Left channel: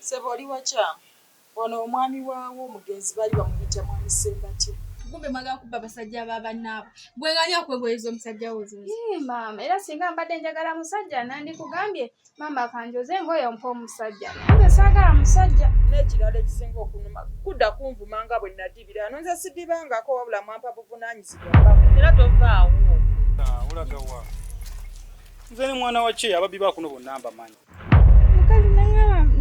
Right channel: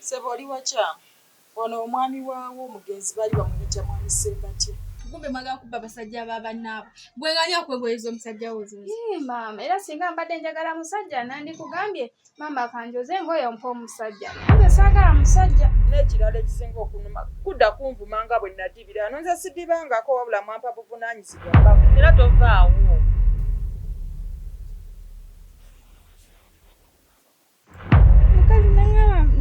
Sebo oli wacha. Ono omwami waawo omugenzi bali bamuyita mwami Sembati. Kumbe mwaga kubba basajja babannaabo. Bwe ngani okwegweza omusajja wo zo. Maama era singa mbadde njagala musajja nandikugambye maama kanjoze ngoye mpa omusajja. Nze saagala musajja. N'ekirala ekisinga okunuma kudda kunvuma nga bwe nadibira. Nonze sidibangako wabula mwampa buvunaanyizibwa mbako. Era tovaawo. Olaga wa. Nze ni mwana wa kye ababbi bakuno bonna mbamanyi. Mukazi nangamba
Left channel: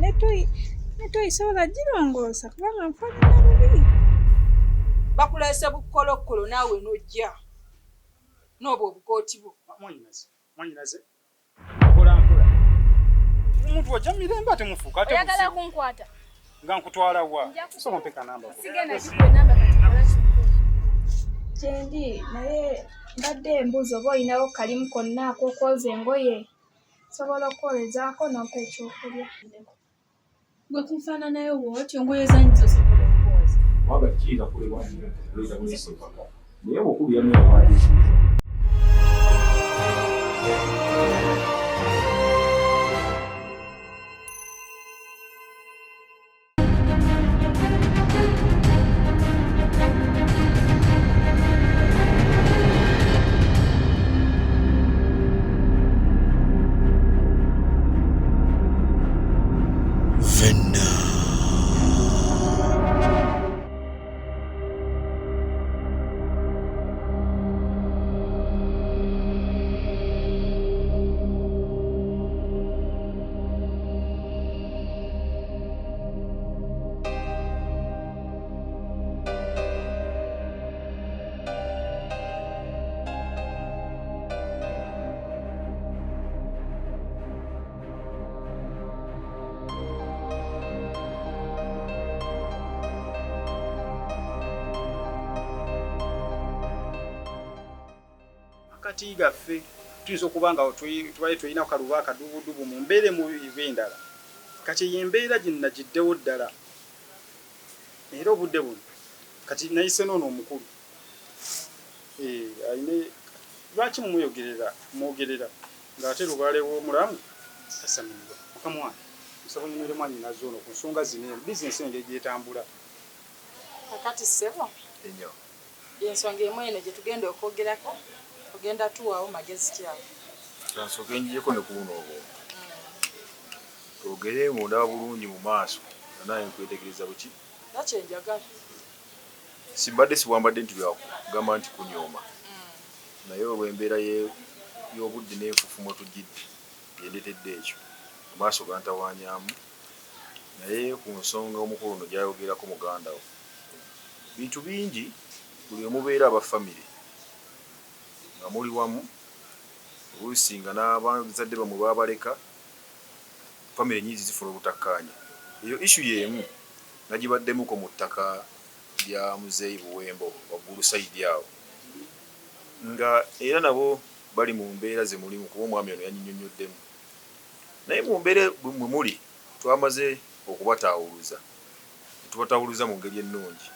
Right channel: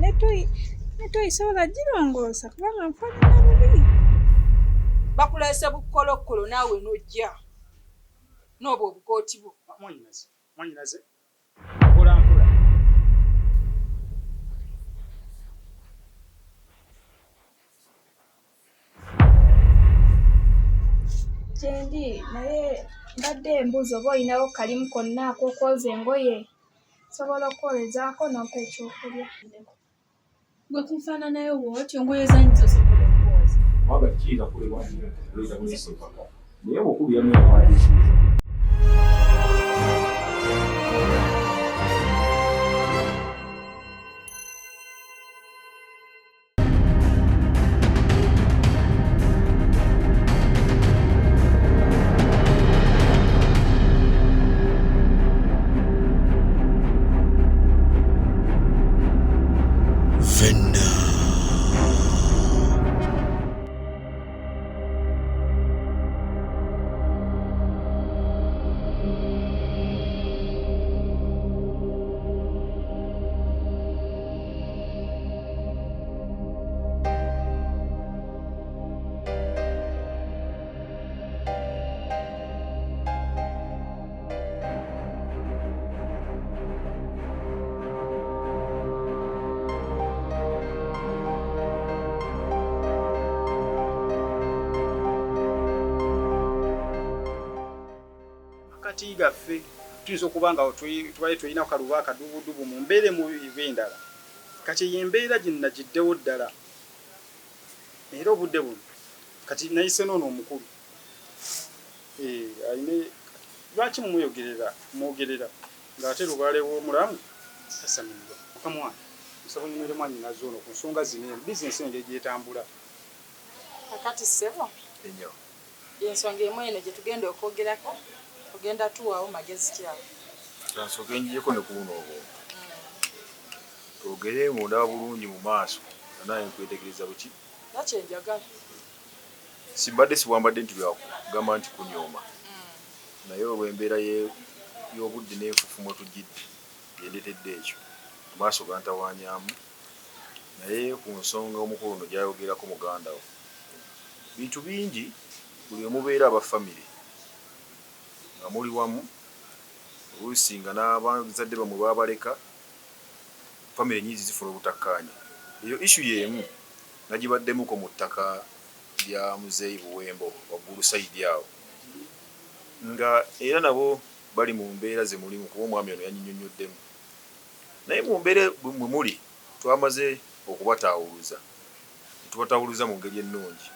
netoyisobola girongoosa kubanga nfaanana bubi. Bakuleese bukkolokolo naawe n'ojja. N'obwo obukooti bwo. Mwanyinaze. Mpola. Omuntu wajja mirembe ate mufuuka ate mufuuka. Oyagala kunkwata. Nga nkutwala wa. Soma mpeka namba. Sigenda namba. Kyendi naye mbadde embuuza oba olinawo kalimu konna ak'okwoza engoye. Sobola okwolezaako n'ompa ekyokulya. Gwe kunfaananayo bw'otyo engoye zange zosobola okwoza. Waba kiira kule wani leza mwese paka. Naye bw'okulu yamwe abaadisiza. Kati gaffe tuyinza okuba nga tubaye tulina kaluba akadubudubu mu mbeere mu endala kati yembeera gino nagiddewo ddala era obudde buno kati nayise noono omukulu ayine lwaki mwogerera ng'ate lubaale w'omulamu tasamibwa mukamwana nsaba nyumire mwanyi nazoono ku nsonga zino bizinesi engeri gyetambula Kakati ssebo. Ennyo. Y'ensonga emu eno gye tugenda okwogerako. Ogenda tuwaawo magezi kyawe. Kansooka enjiyeko ne kubuno obwo. Twogere ng'ondaba bulungi mu maaso naye nkwetegereza buki? Nakye njagala. Simbadde siwambadde nti byakugamba nti kunyooma. Naye olw'embeera y'obudde n'enfufumo tugidde yendeetedde ekyo amaaso gantawanyaamu naye ku nsonga omukulu no gy'ayogerako muganda wo bintu bingi buli omubeera aba famire nga muli wamu oluusi nga n'abazadde bamwe baabaleka famire nyingi zifuna obutakkaanya eyo issu y'emu nagibaddemuko mu ttaka lya muzeeyi Buwembo waggulu sayidi awo nga era nabo bali mu mbeera ze mulimu kuba omwami ono yanyinyonyoddemu naye mu mbeera mwe muli twamaze okubataawuluza netubataawuluza mu ngeri ennungi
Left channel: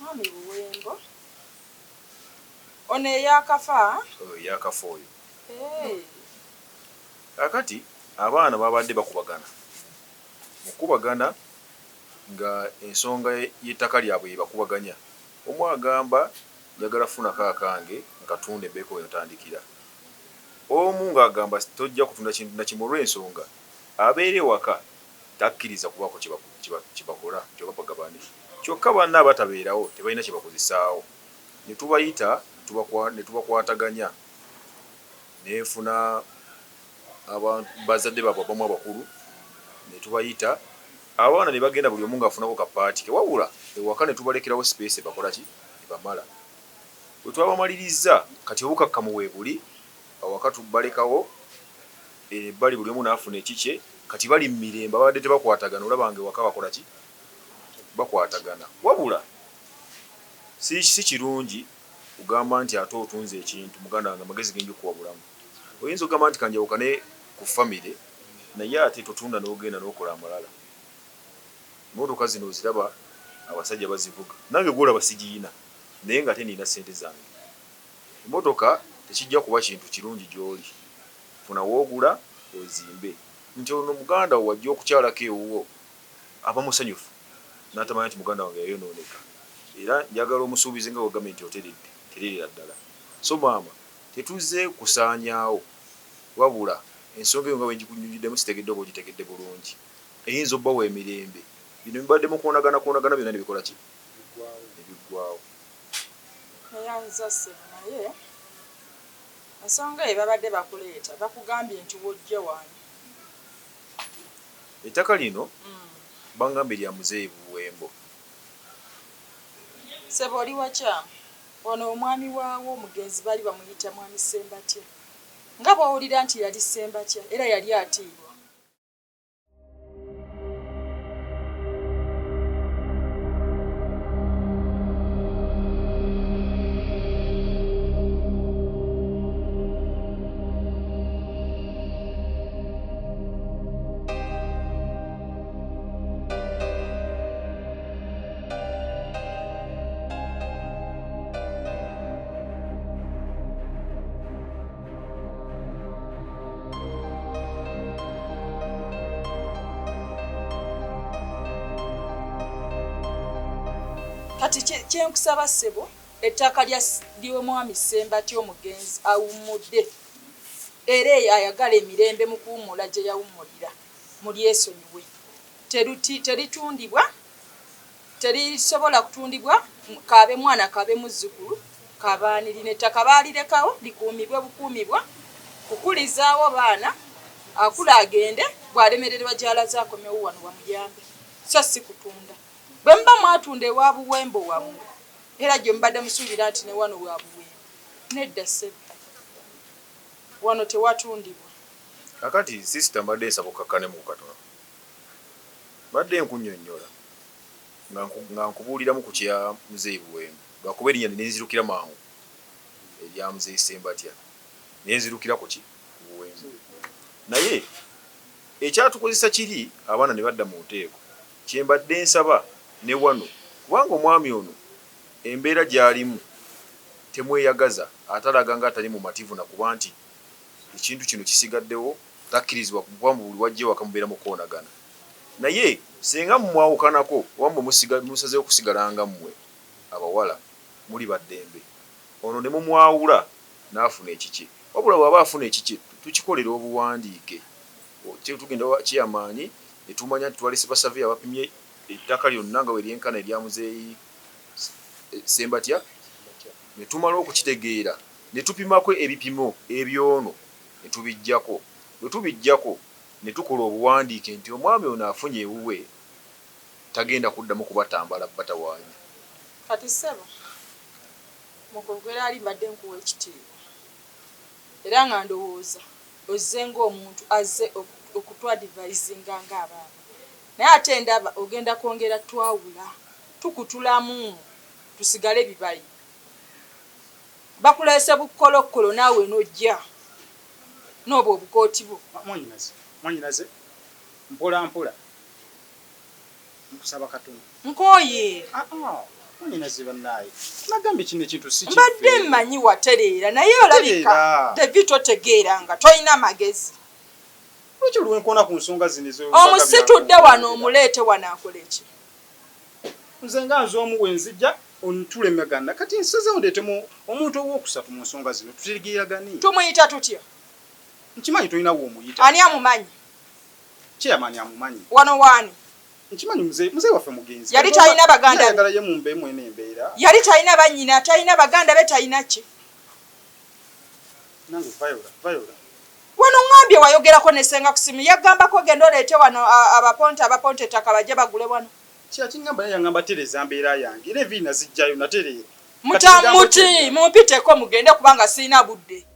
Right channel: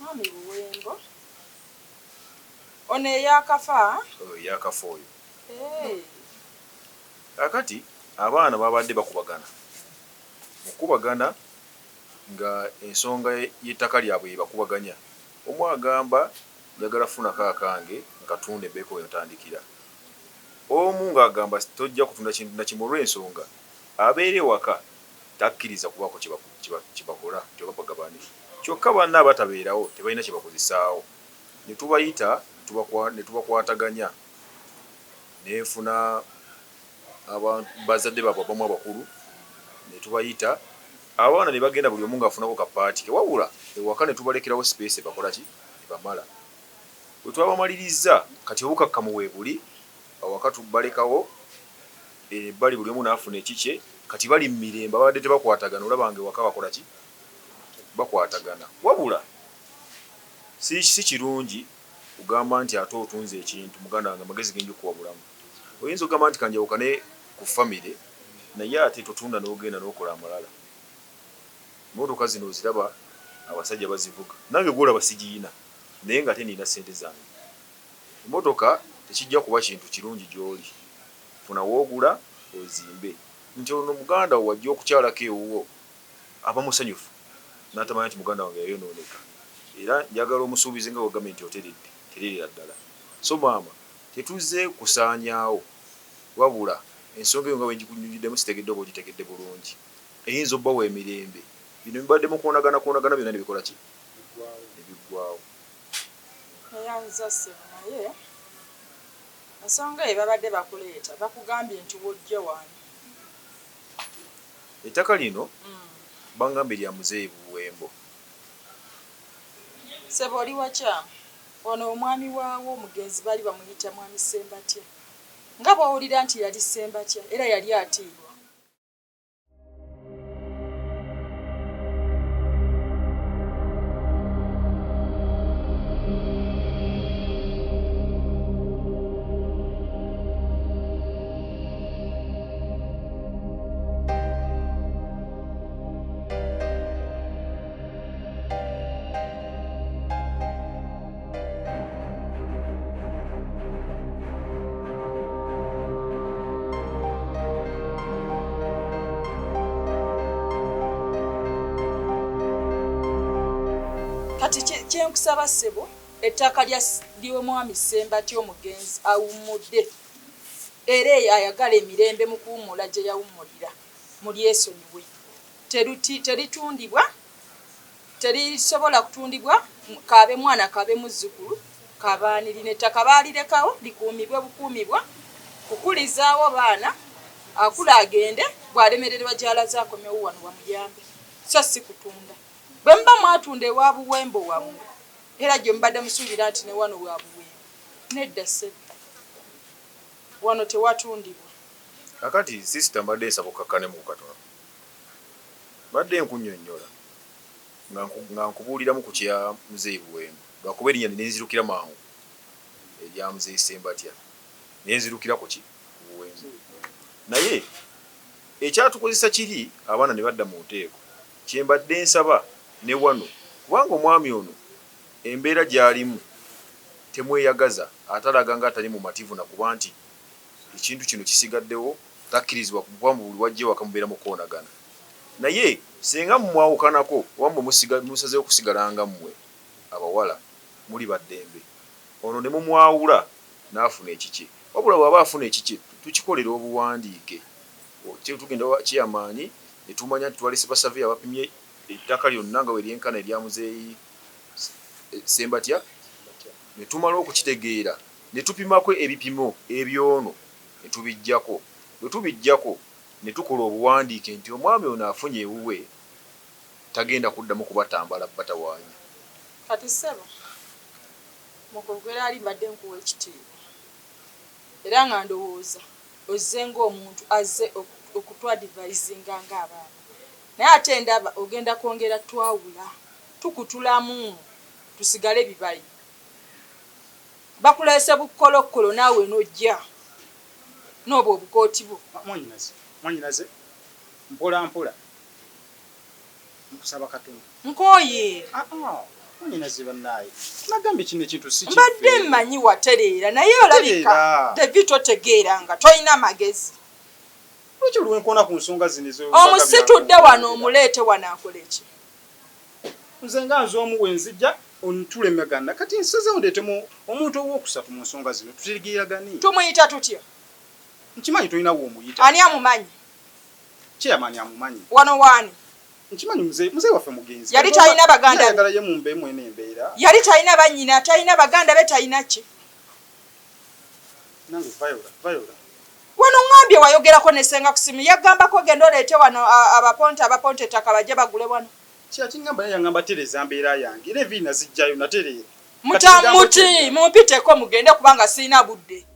Mwami Buwembo ono eyakafa eyakafa oyo kakati abaana babadde bakubagana nga ensonga y'ettaka lyabwe yebakubaganya omu agamba njagala funako akange nkatunda ebbeeko yotandikira omu ng'agamba tojja kutunda kintu na kimu olw'ensonga abeera ewaka takkiriza kubaako kyebakola kyobapagabane kyokka banna abatabeerawo tebalina kyebakozesaawo ne tubayita ne tubakwataganya nenfuna bazadde baabwe abamu abakulu ne tubayita abaana ne bagenda buli omu ng'afunako kapaati ke wabula ewaka ne tubalekerawo sipeesi bakola ki ebamala bwe twabamaliriza kati obukakkamu weebuli awaka tubalekawo ebbali buli omu n'afuna ekikye kati bali mu mirembe abadde tebakwatagana olaba nga ewaka bakola ki bakwatagana wabula si kirungi kugamba nti ate otunze ekintu muganda wange amagezi genja okuwa bulamu oyinza okugamba nti kanjawukane ku famire naye ate totunda n'ogenda n'okola amalala emmotoka zino oziraba abasajja bazivuga nange gwolaba sigiina naye nga ate nina ssente zange emmotoka tekijja kuba kintu kirungi gy'oli funa woogula ozimbe nti ono muganda wo wajja okukyalako ewuwo aba musanyufu n'atamanya nti muganda wange yayonooneka era njagala omusuubize nga wagambye nti oteredde tererera ddala so maama tetuze kusaanyaawo wabula ensonga eyo nga bwengikunyunyuddemu sitegedde oba ogitegedde bulungi eyinza obbawo emirembe bino bibaddemu kwonagana byonna ne bikola ki nebiggwawo eyanza ssebo naye ensonga eyo babadde bakuleeta bakugambye nti wojja wani ettaka lino bangambye lya muzeeyi Buwembo ssebo oli wakyamu ono omwami waawo omugenzi bali bamuyita mwami Ssembatya nga bw'owulira nti yali Ssembatya era yali atiibwa kati kyenkusaba ssebo ettaka ly'omwami Ssembatya omugenzi awummudde era ayagala emirembe mu kuwummula gye yawummulira mulyesonyiwe teritundibwa terisobola kutundibwa kaabe mwana kaabe muzzukulu kabaanirina ettaka baalirekawo likuumibwe bukuumibwa kukulizaawo baana akula agende bw'alemererwa gy'alaze akomewo wano wamuyambe so si kutunda bwe muba mwatunda ewa Buwembo wammwe era gye mubadde musuubira nti ne wano wa Buwembo nedda ssebo wano tewatundibwa kakati sisita mbadde nsaba okakkanemu katono mbadde nkunnyonnyola nga nkubuuliramu ku kya muzeeyi Buwembo lwakuba erinnya nenzirukira mangu erya muzeeyi Ssembatya nenzirukira ku ki Buwembo naye ekyatukozesa kiri abaana ne badda mu nteeko kyembadde nsaba ne wano kubanga omwami ono embeera gy'alimu temweyagaza atalaga nga atali mumativu nakuba nti ekintu kino kisigaddewo takkirizibwa kubanga buli wajja ewaka mubeera mu koonagana naye singa mumwawukanako wamwe musazeewo kusigalanga mmwe abawala muli baddembe ono ne mumwawula n'afuna ekiki wabula bw'aba afuna ekiki tukikolera obuwandiike tugenda kiyamaanyi ne tumanya nti twalese basaveya abapimye ettaka lyonna nga weryenkana erya muzeeyi Ssembatya ne tumala okukitegeera ne tupimako ebipimo ebyono ne tubijjako bwe tubijjako ne tukola obuwandiike nti omwami ono afunye ewuwe tagenda kuddamu kubatambala batawaanya kati ssebo mukogera ali mbadde nkuwa ekitiibwa era nga ndowooza ozze ng'omuntu azze okutwadivaizinga ng'abaana naye ate ndaba ogenda kwongera twawula tukutulamu tusigale bibayi bakuleese bukolokkolo naawe nojja n'obwo obukooti bwo mwanyinaze mpola mpola nkusaba katono nkooye mwanyinaze bannaaye nagambye kino ekintu si mbadde mmanyi watereera naye olabika David totegeera nga tolina magezi lwaki olwenkona ku nsonga zino omusitudde wano omuleete wano akola eki nze nga nze omu wenzijja ontulemagana kati nsazeewo ndeetemu omuntu owookusatu mu nsonga zino tutegeeragani tumuyita tutya nkimanyi tolinawo omuyita ani amumanyi kyeyamaani amumanyi wano waani nkimanyi muzeeyi waffe mugenzi yali talina baganda ayagala ye mumbeemu eno embeera yali talina bannyina talina baganda be talina ki nange vayola wano ŋŋambye wayogerako nesenga ku simu yagambako genda oleete wano abaponte ettaka bajje bagule wano kyakiŋŋamba naye yaŋŋamba tereza mbeera yange era eviina zijjayo natereera muti mumpiteko mugende kubanga sirina budde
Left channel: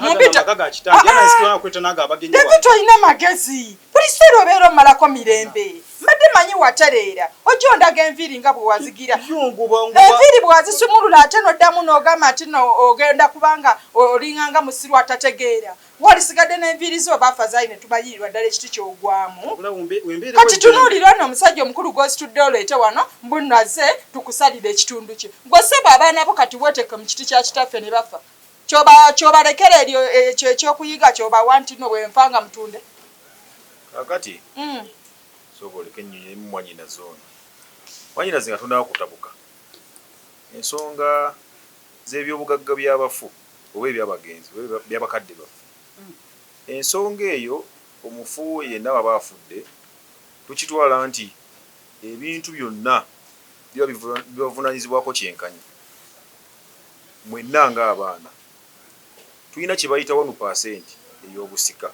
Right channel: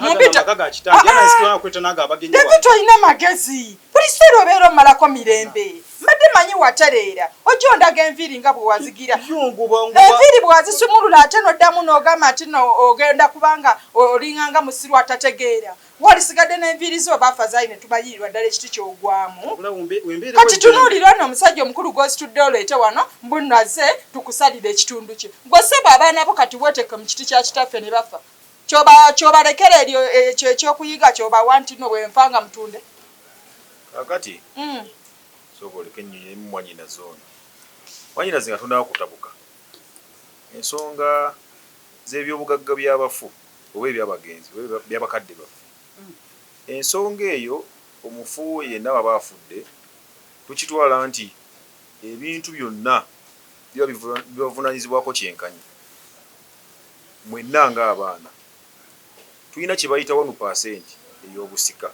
Mumpita magaga kitangi yana nsikira kweta naga abagenyi wa. David oyina magezi. Pulisero bero malako mirembe. Mbadde manyi watereera. Ojo ndaga enviri nga bwe wazigira. Enviri bwe wazisumulula ate n'oddamu n'ogamba ati no ogenda kubanga olinganga musiru atategeera. Walisigadde n'enviri zo bafa zaine tubayirirwa ddala ekiti ky'ogwamu. Kati tunuulira ono omusajja omukulu gw'ositudde oleete wano mbunaze tukusalira ekitundu kye. Gwe ssebo abaana bo kati weeteke mu kiti kya kitaffe ne bafa. Kyobalekera eryo ekyokuyiga kyobawa nti no bwenfanga mutunde. Kakati soko leke nnyonyi mwanyina zona. Mwanyina zinga tundawo kutabuka. Ensonga z'ebyobugagga by'abafu oba ebyabagenzi oba byabakadde bafu. Ensonga eyo omufu yenna baba afudde tukitwala nti ebintu byonna bibavunaanyizibwako kyenkanyi. Mwenna ng'abaana tulina kye bayita 1% ey'obusika.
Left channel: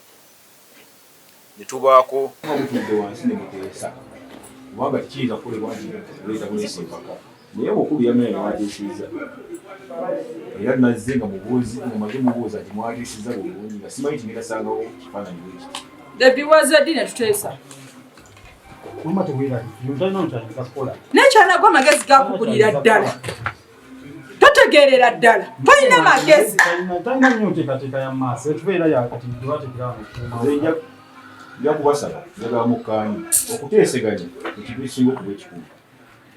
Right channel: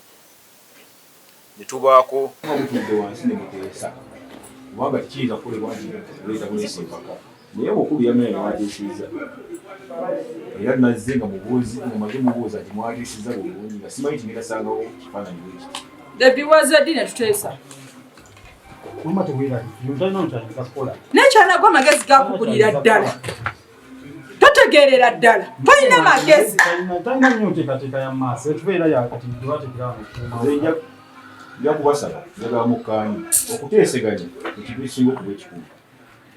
Ne tubaako mutudde wansi ne muteesa kubanga kiyinza kukolebwa nti leeta buleesi empaka naye bw'okulu yamenya ne mwatiisiza era nazze nga mumaze mubuuza nti mwatiisiza bulungi nga simanyi nti nerasangawo kifaananyi bwekiti debiwaze ddi ne tuteesa n'ekyanagwa amagezi gakugulira ddala totegeerera ddala tolina magezi byakubasaba njagala mukkaanya okuteeseganya ekintu ekisinga okuba ekikulu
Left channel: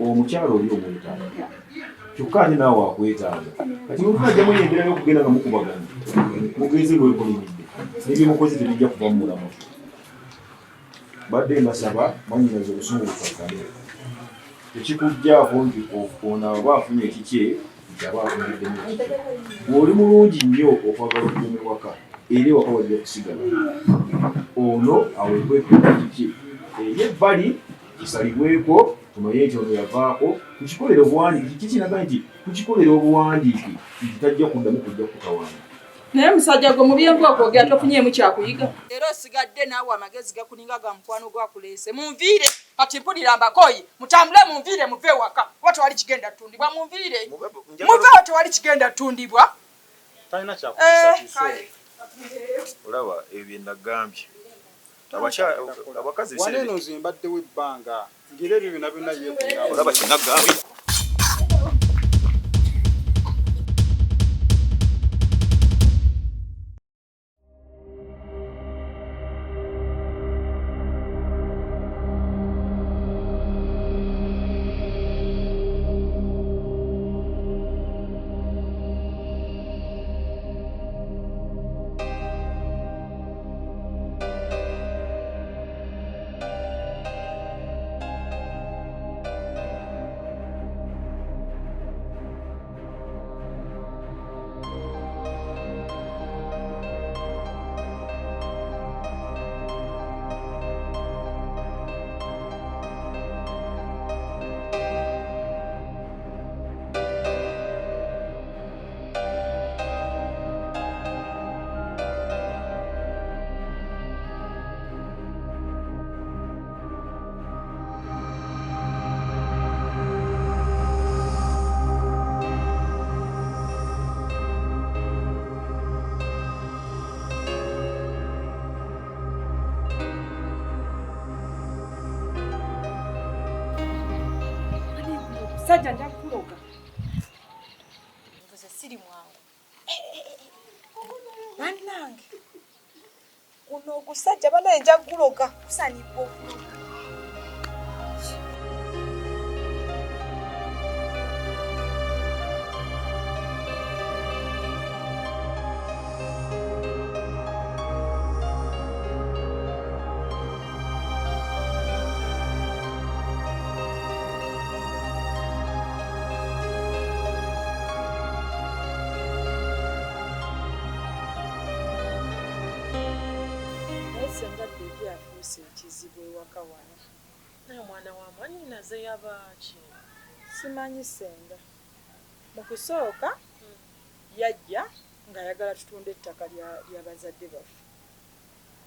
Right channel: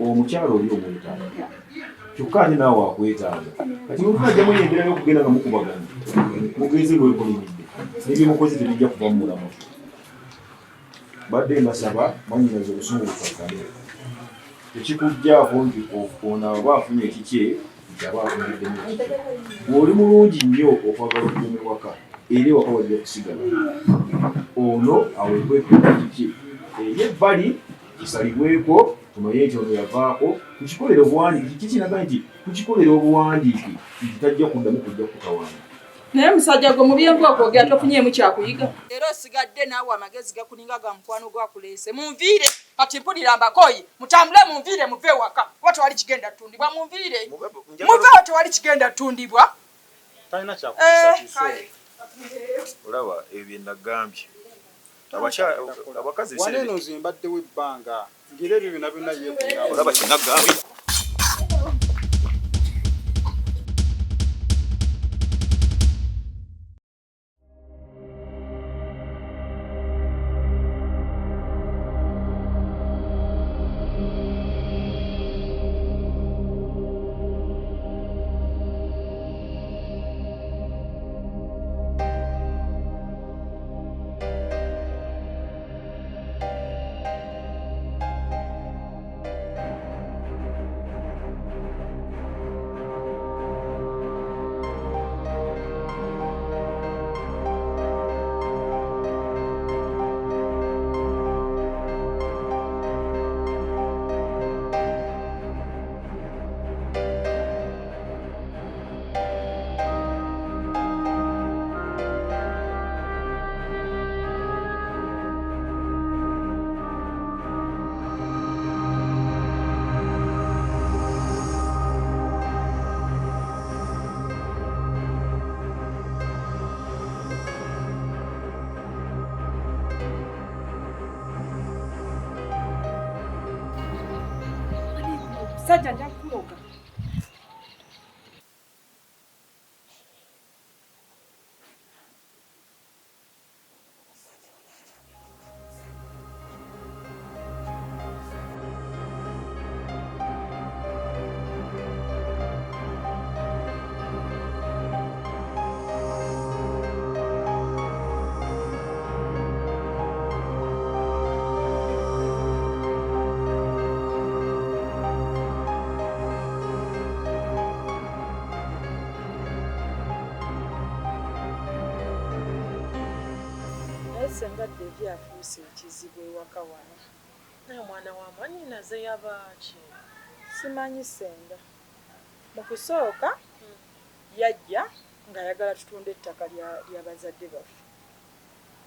omukyalo oli omwetaaga kyokka ate naawe wakwetaaga kati olunajjamu endera y'okugenda nga mukubagana mugenzi bwekolimidde n'ebyomukozi tebijja kuva mu mulamu badde mbasaba mwanyinaza obusungu bukakkane tekikugjaako nti ono aba afunye ekikye nti aba afunyiddemu ekikye bw'oli mulungi nnyo okwagala okukuuma ewaka era ewaka wajja kusigala ono aweebweko ekiki eri ebbali kisalibweko tumanye nti ono yavaako tukikolera obuwandiiki kikinaga nti tukikolera obuwandiiki nti tajja kuddamu kujja kutawaana naye musajja gwe mubyengu okwogera tofunyeemu kyakuyiga era osigadde naawe amagezi gakuninga ga mukwano gwakuleese munviire kati mpulira mbakooyi mutambule munviire muve ewaka oba tewali kigenda ttundibwa munviire muveewo tewali kigenda ttundibwa talina kyakukisa olaba ebyo bye nagambye abakazi waneno nze mbaddewo ebbanga ngira ebyo byonna byonna yeekuna olaba kye nagambye sajja nja kuloga siri mwangu bannange kuno ogusajja banaye nja kuloga kusanibwa senga Devi afuuse ekizibu ewaka wano. Naye mwana wa mwannyinaze yabaaki? Simanyi senga. Mu kusooka yajja ng'ayagala tutunde ettaka lya bazadde baffe.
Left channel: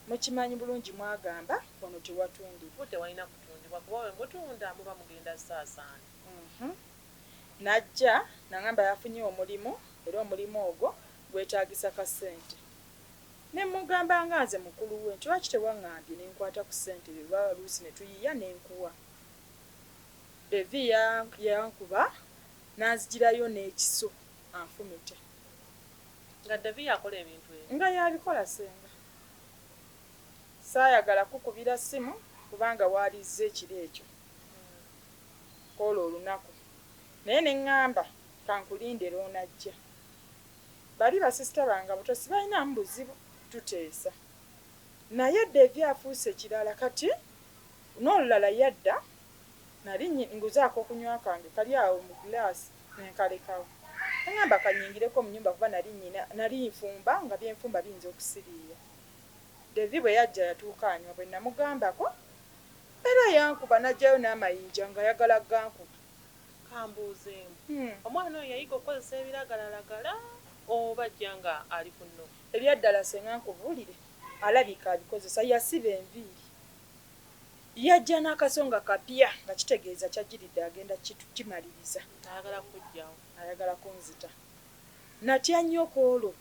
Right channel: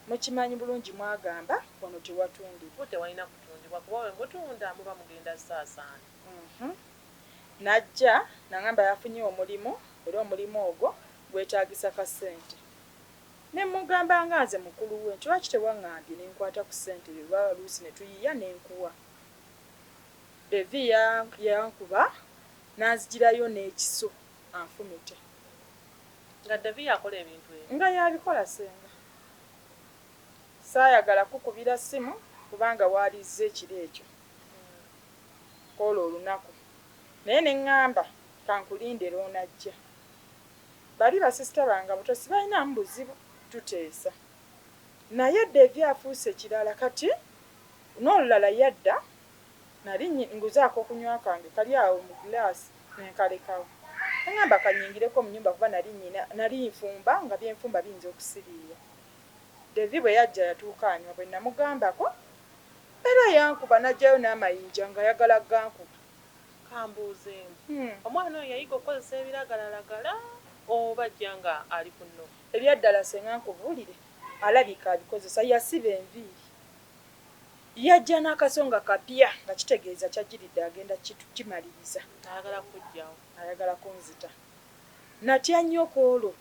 Mukimanyi bulungi mwagamba wano tewatundibwa. Tewalina kutundibwa kuba we mutunda muba mugenda saasaana. Najja n'agamba yafunye omulimu era omulimu ogwo bwetaagisa ka ssente. Ne mugamba nga nze mukulu we nti lwaki tewaŋŋambye ne nkwata ku ssente lwa luusi ne tuyiya ne nkuwa. Devi yankuba n'anzigirayo n'ekiso anfumite. Nga Devi yakola ebintu ebyo. Nga yabikola senga. Saayagala kukubira ssimu kubanga waalizza ekiro ekyo. Kola olunaku. Naye ne ŋŋamba kankulindira onajja. Bali basisita bange buto sibalinamu buzibu tuteesa. Naye Devi afuuse kirala kati n'olulala yadda nali nguzaako okunywa kange kali awo mu giraasi nenkalekawo. Neŋŋamba kanyingireko mu nnyumba kuba nali nfumba nga byenfumba biyinza okusiriira. Devi bwe yajja yatuuka anywa bwe namugambako era yankuba n'ajjayo n'amayinja nga yagala gankuba. Kambuuzeemu. Omwana oyo yayiga okukozesa ebiragalalagala oba ajja nga ali ku nno. Ebyaddala senga nkubuulire alabika abikozesa yasiba enviiri. Yajja n'akasonga kapya nga kitegeeza kyajjiridde agenda kimaliriza. Ayagala kujjawo. Ayagala kunzita. Natya nnyo koolo.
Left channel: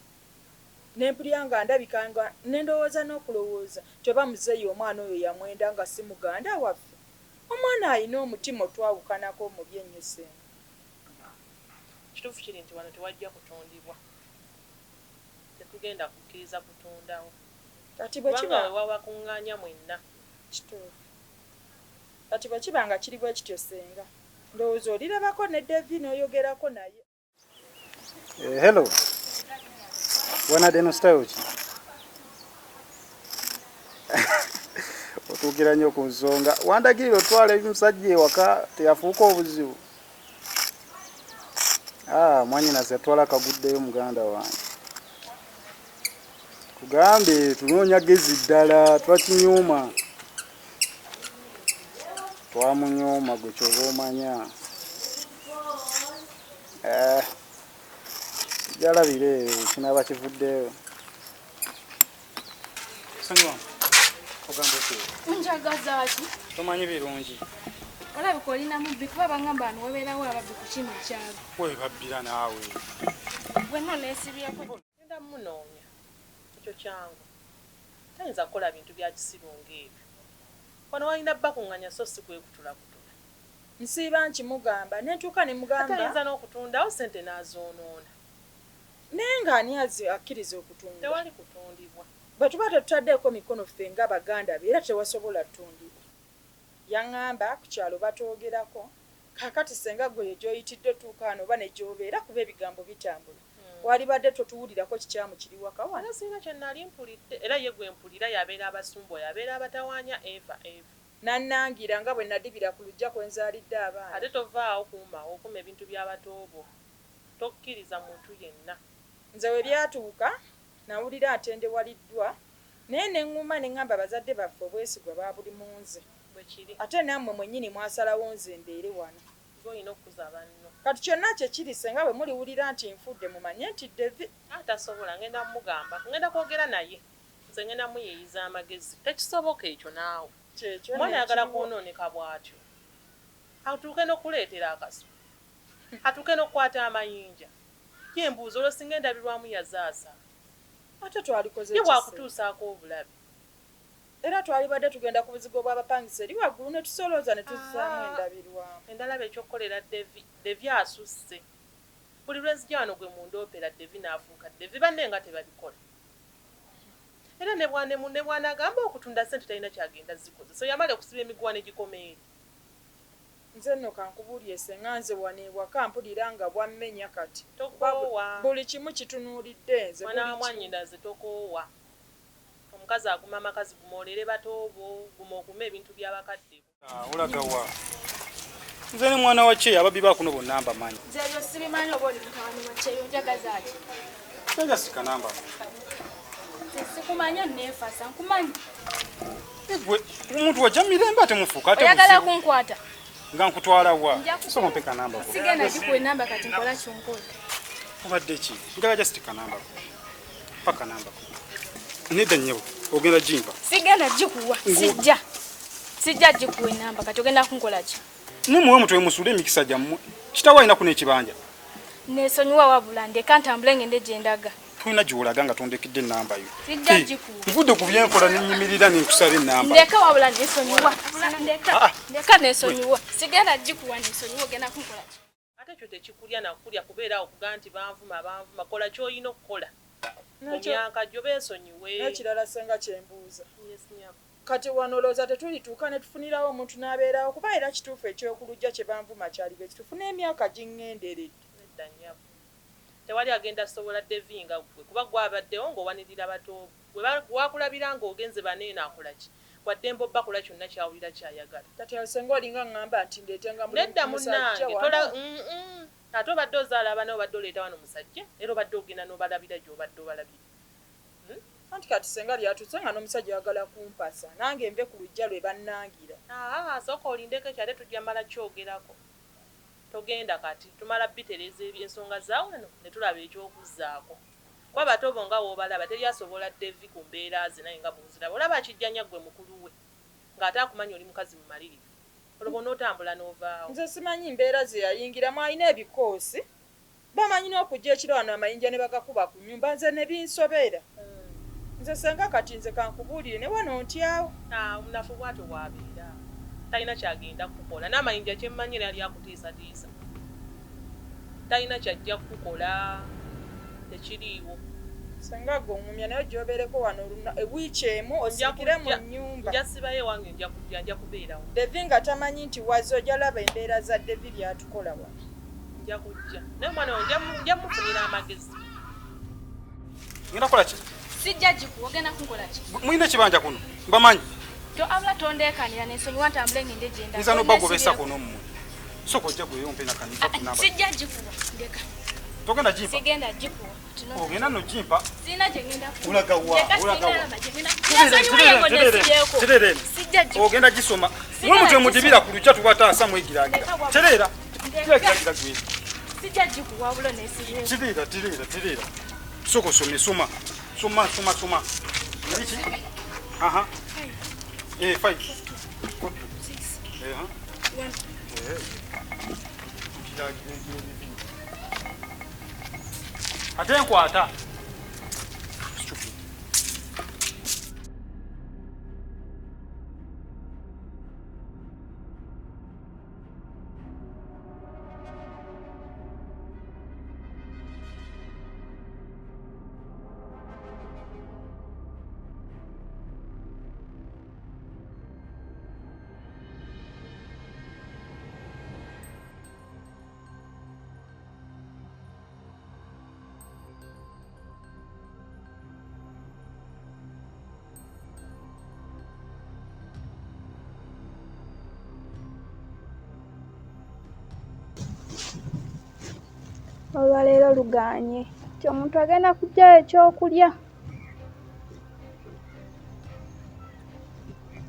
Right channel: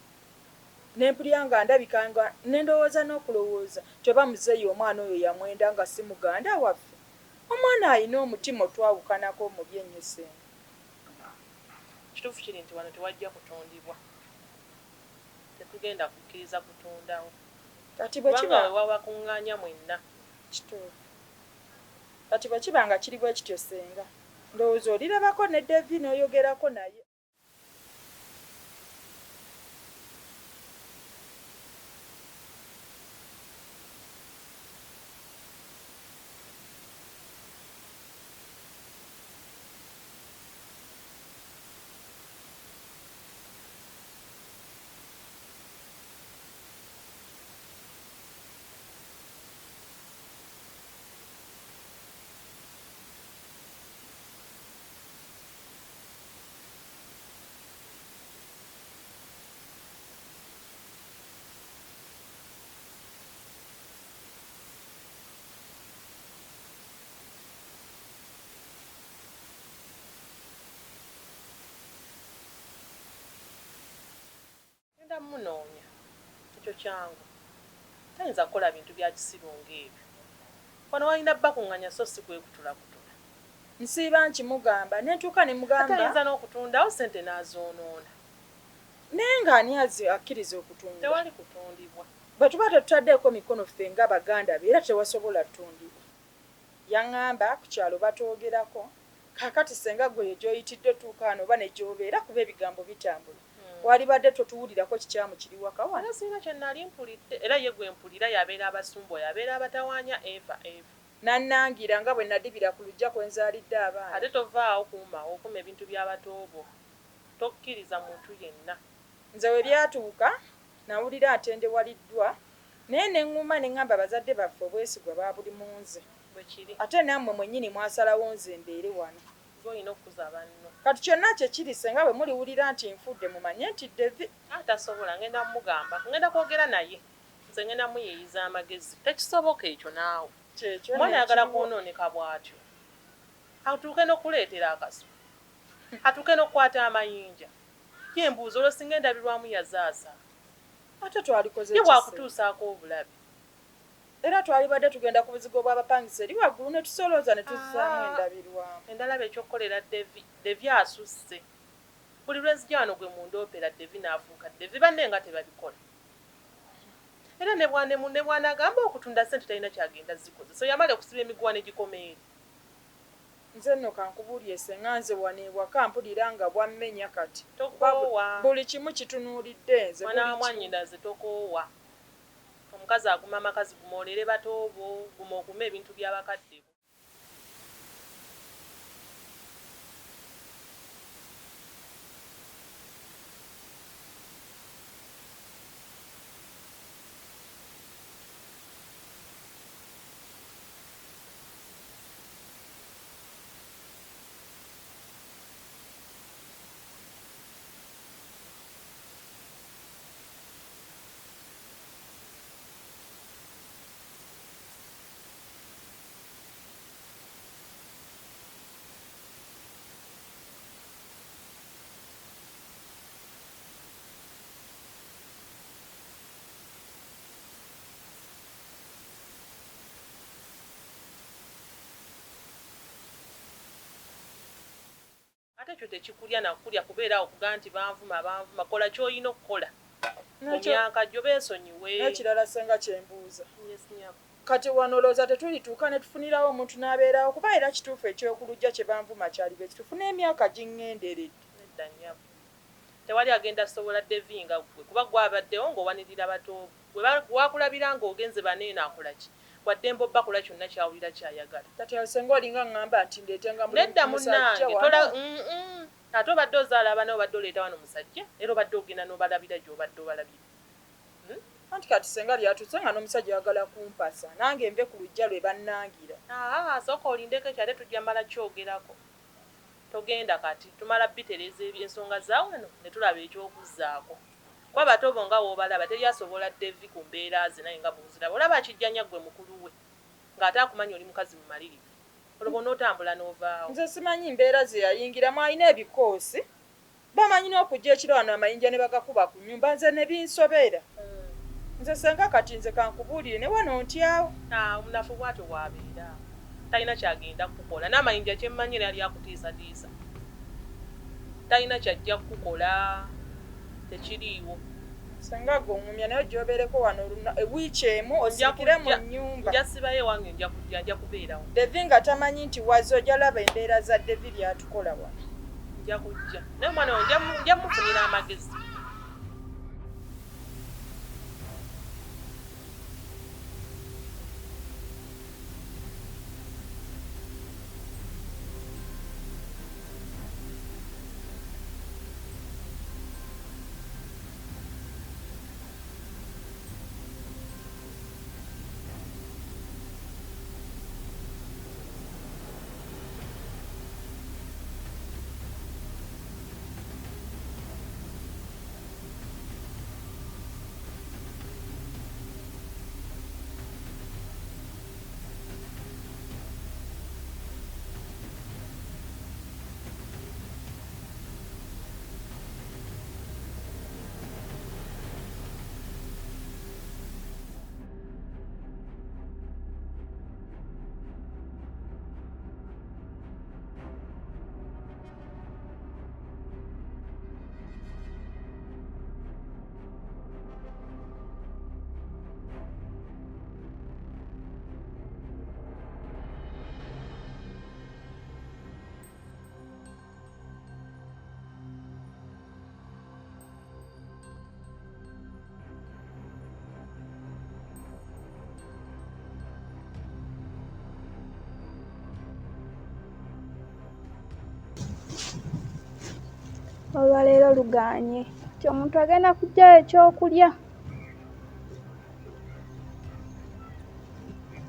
Nempulya nga ndabika nga nendowooza n'okulowooza teba muzeeyi omwana oyo yamwenda nga si muganda waffe. Omwana alina omutima otwawukanako mubi ennyo senga. Kituufu kiri nti wano tewajja kutundibwa. Tetugenda kukkiriza kutundawo. Kati bwe kiba wabakuŋŋaanya mwenna. Kituufu. Kati bwe kiba nga kiri bwe kityo senga. Ndowooza olirabako ne Devi n'oyogerako naye. Hello. Wanadde no style ki? Otuukira nnyo ku nsonga. Wandagirira otwala ebimusajja ewaka teyafuuka obuzibu. Mwannyinaze yatwala akaguddeyo muganda wange. Tugambe tunoonya gezi ddala twakinyuuma. Twamunyuuma gwe ky'oba omanya. Jalabire kinaba kivuddeyo. Sanywa. Ogamba ki? Njagaza ki? Tomanyi birungi. Olabika olina mubbi kuba bangamba wano wabeerawo ababbi ku kino ekyalo. We babbira naawe. Bwenna oneesibyeko. Genda munoonya. Ekyo kyangu. Tayinza kukola bintu bya kisiru ng'ebyo. Wano walina bakuŋŋanya so si kwekutula kutula. Nsiiba nkimugamba nentuuka ne mugamba. Tayinza n'okutundawo ssente n'azoonoona. Naye ng'ani akkiriza okutunda. Tewali kutundibwa. Bwe tuba tetutaddeeko mikono ffe nga baganda be era tewasobola ttundibwa. Yaŋŋamba ku kyalo batwogerako kaakati senga gwe gy'oyitidde tuuka wano oba ne gy'obeera kuba ebigambo bitambula. Walibadde totuwulirako kikyamu kiri waka wano. Wano sirina kye nali mpulidde era ye gwe mpulira yabeera abasumba yabeera abatawaanya Eva. Nannangira nga bwe nadibira ku lujja kwe nzaalidde abaana. Ate tovaawo okuma ebintu by'abatoobo. Tokkiriza muntu yenna. Nze we byatuuka nawulira atendewaliddwa naye ne ŋŋuma ne ŋŋamba bazadde baffe obwesigwa baabuli mu nze. Bwe kiri. Ate nammwe mwennyini mwasalawo nze mbeere wano. Olina okukuza banno. Kati kyonna kye kiri senga bwe muliwulira nti nfudde mumanye nti Devi. Tasobola ngenda mugamba ngenda kwogera naye. Nze ngenda muyeeyiza amagezi. Tekisoboka ekyo naawe. Mwana ayagala kwonooneka bw'atyo. Atuuke n'okuleetera akaso. Atuuke n'okukwata amayinja. Ye embuuzo olwo singa endabirwamu yazaasa. Ate twalikoze ye bwakutuusaako obulabe. Era twalibadde tugenda ku buzigo bw'abapangisa eri waggulu ne tusolooza ne tuzaamu endabirwamu. Endalaba ekyokukolera Devi asusse. Buli lwenzija wano gwe mundoopera Devi n'afuuka Devi banne nga tebabikola. Era ne bwanagamba okutunda ssente talina kyagenda zikoze. So yamala okusiba emiguwa ne gikomeeri. Nze nno kankubuulye senga nze wano ewaka mpulira nga bwammenya kati. Tokoowa. Buli kimu kitunuulidde nze. Mwana wa mwannyinaze tokoowa. Omukazi aguma amakazi gumoolere batoobo guma okume ebintu by'abakadde. Olaga wa? Nze ne mwana wa kye ababbi bakuno bonna mbamanyi. Nze ebyo sibimanyi oba oli mutabani wa kyeyo njagaza ki? Sanga sika namba. Sikumanya neefasa nkumanyi. Gwe omuntu wajja mirembe ate mufuuka ate oyagala kunkwata. Nga nkutwala wa? Soma mpeka namba. Sigenda gikuwa namba kati nkola kyonkola. Obadde ki? Njagala just tika namba. Paka namba. Nedda nnyo ogenda jimpa. Sigenda gikuwa. Sijja gikuwa namba kati ogenda kunkola ki? Nimuwe mutwe musule emikisa gyammwe. Kitawa alina kuno ekibanja. Nesonyiwa wabula ndeka ntambule ngende gye ndaga. tulina gy'olaga nga tondekidde ennamba yo. Sijja gikuwa. Nvudde ku byenkola n'ennyimirira n'enkusaba ennamba. Ndeka wabula nesonyiwa. Ndeka nesonyiwa. Sigenda gikuwa nesonyiwa ogenda kunkola ki? Ate ekyo tekikulya nakulya kubeera awo kuga nti banvuma kola ky'olina okukola mu myaka gyo beesonyiwe. N'ekirala senga kyembuuza. Kati wano olowooza tetulituuka ne tufunirawo omuntu n'abeerawo kuba era kituufu ekyokulujja kye banvuma kyali be kitufuna emyaka giŋŋenderedde. Nedda nnyabo. Tewali agenda sobola devinga gwe kuba gwabaddewo ng'owanirira bato bwe wakulabira ng'ogenze baneena akola ki wadde mbobba kyonna kyawulira kyayagala. Kati senga olinga ŋŋamba nti ndeetenga nedda munnange ate obadde ozaala abaana obadde oleeta wano musajja era obadde ogenda n'obalabira gy'obadde obalabira. Anti kati senga lyatuse nga n'omusajja ayagala kumpasa nange nve ku lujja lwe bannangira. Sooka olindeko ekyo ate tujja mala kyogerako. Togenda kati tumala bitereza ensonga zaawano ne tulaba ekyokuzzaako. Kuba bato bo nga w'obalaba teri asobola Devi ku mbeera ze naye nga bw'oziraba olaba akijjanya ggwe mukulu we ng'ate akumanya oli mukazi mumalirivu olwo bonna otambula n'ovaawo. Nze simanyi mbeera ze yayingiramu alina ebikoosi bamanyi n'okujja ekiro wano amayinja ne bagakuba ku nnyumba nze ne binsobera. Nze senga kati nze kankubuulire ne wano ntyawo. Omunafu bw'atyo bw'abeera talina kyagenda kukola n'amayinja kyemmanyi era yali akutiisatiisa talina kyajja kukola tekiriiwo. Senga gongumya naye gyobeereko wano wiiki emu osikire mu nnyumba. Nja sibayo ewange nja kubeerawo. Devi nga tamanyi nti wazze ojja laba embeera za Devi byatukola wano. Nja kujja naye omwana we nja mufunira amagezi. Ngenda kukola ki? Sijja gikuwa ogenda kunkola ki? Muyina ekibanja kuno mbamanyi. Abula tondeekanira n'ensonyiwa ntambule ngende gye ndaga. Nza n'obagobesa kuno mu. Soko ojja gweyompe na kanisa kunamba. Sijja gikuwa ndeka. Togenda jimpa. Sigenda gikuwa. Ogenda no jimpa. Sina gye ngenda kuwa. Ulaga wa. Terere. Ogenda gisoma. Mwe mudibira ku lucha tubataasa mwegiragira. Terera. Kiragira gwe. Sijja gikuwa abula n'esirye. Terera. Soko soma. Soma. Niki? Aha. 5. 6. 1. Ate nkwata. Olwaleero lugaanye nti omuntu agenda kuggyayo ekyokulya.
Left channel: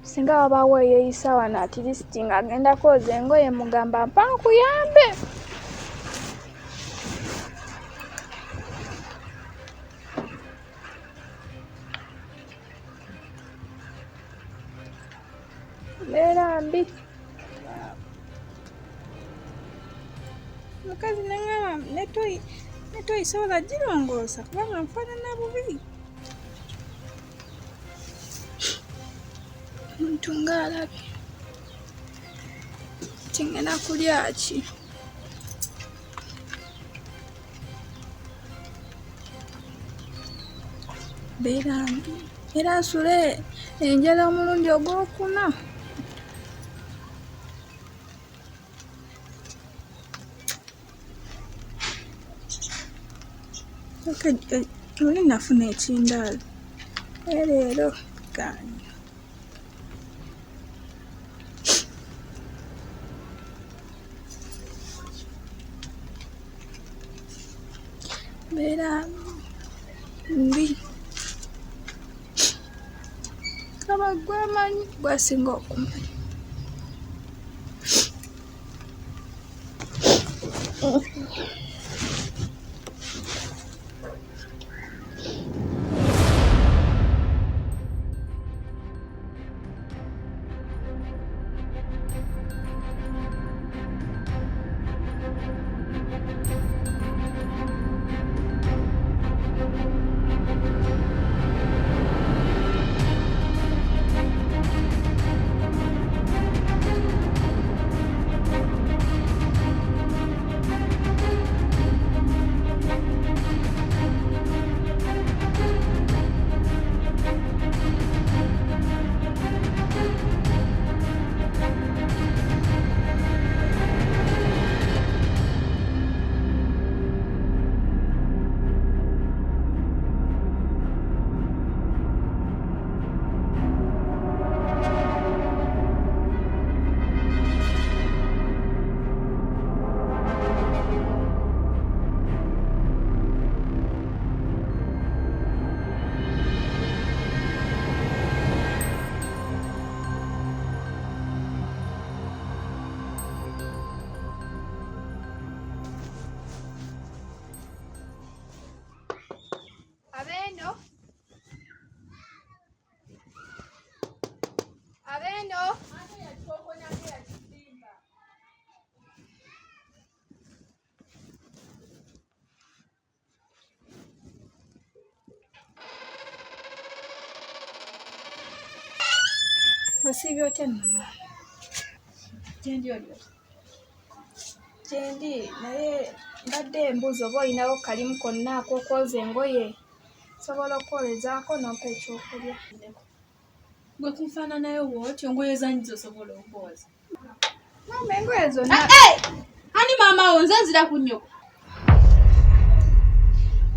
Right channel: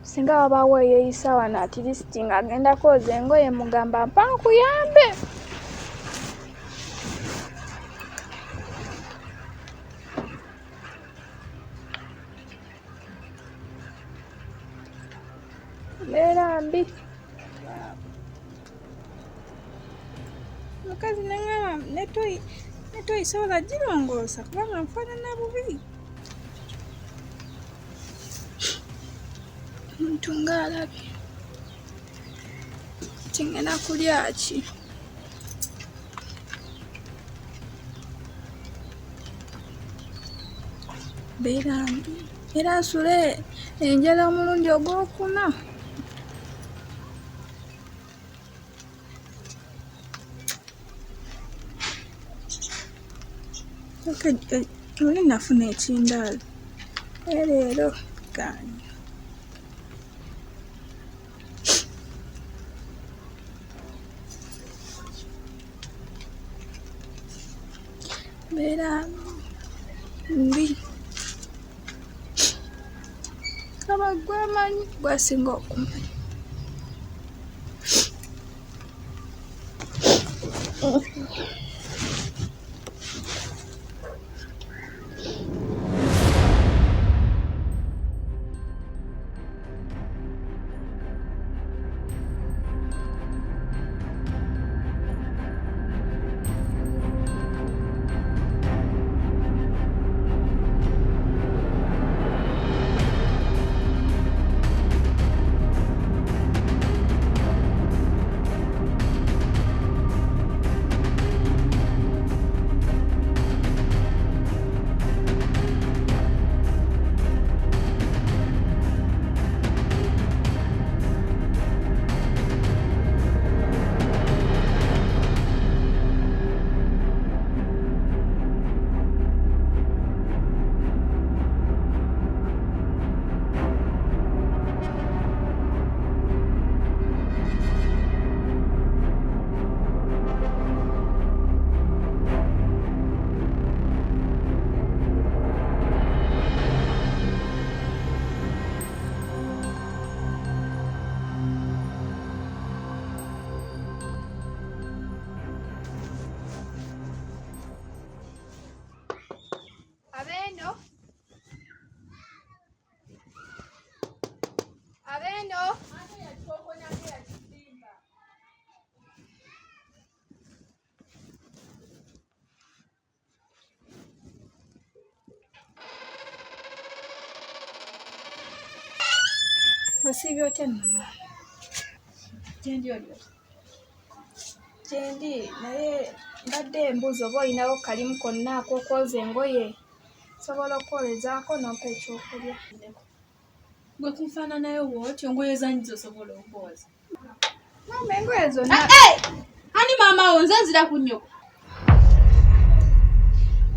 Singa wabaawo eyeeyisa wano atirisiti ng'agenda kwoza engoye mugamba mpa nkuyambe. Mbeera mbi. Mukazi nangamba netoyi sobola girongoosa kubanga nfaanana bubi. Omuntu ng'alabye nti ngenda kulya ki? Mbeera mbi era nsule enjala omulundi ogwokuna. Oli nafuna ekindaala leero gaanye. Mbeera mbi kaba gwamanyi gwasinga okumanyi. Osiibye otya nno? Gyendi olyo. Gyendi naye mbadde mbuuza oba olinawo kalimu konna ak'okwoza engoye. Sobola okwolezaako n'ompa ekyokulya. Gwe kunfaananayo bw'otyo engoye zanyi zosobola okwoza. Maama engoye zonna. Ani maama wo nze nzira ku nnyoko.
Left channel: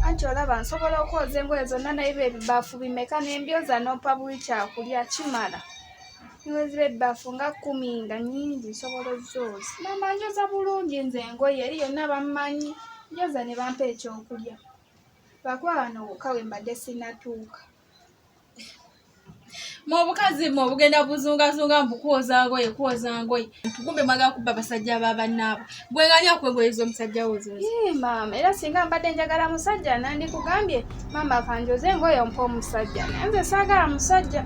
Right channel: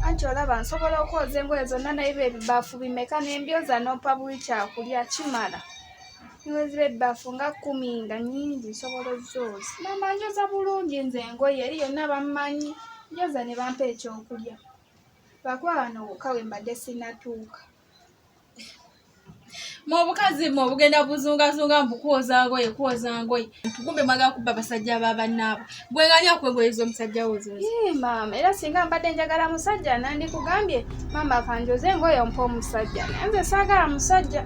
Anti olaba nsobola okwoza engoye zonna naye ebibaafu bimeka n'embyoza n'ompa buli kyakulya kimala. Niwe ziba ebbaafu nga 10 nga nnyingi nsobola ozzooza. Maama njoza bulungi nze engoye eri yonna bammanyi. Njoza ne bampa ekyokulya. Lwakuba wano wokka we mbadde sinnatuuka. Mu obukazi mmwe obugenda buzungazunga mukwoza ngoye. Kumbe mwagala kubba basajja b'abannaabo. Gwe nganya kwengoye z'omusajja wo zozi. Maama era singa mbadde njagala musajja nandikugambye maama kanjoze engoye ompa omusajja. Naye nze saagala musajja.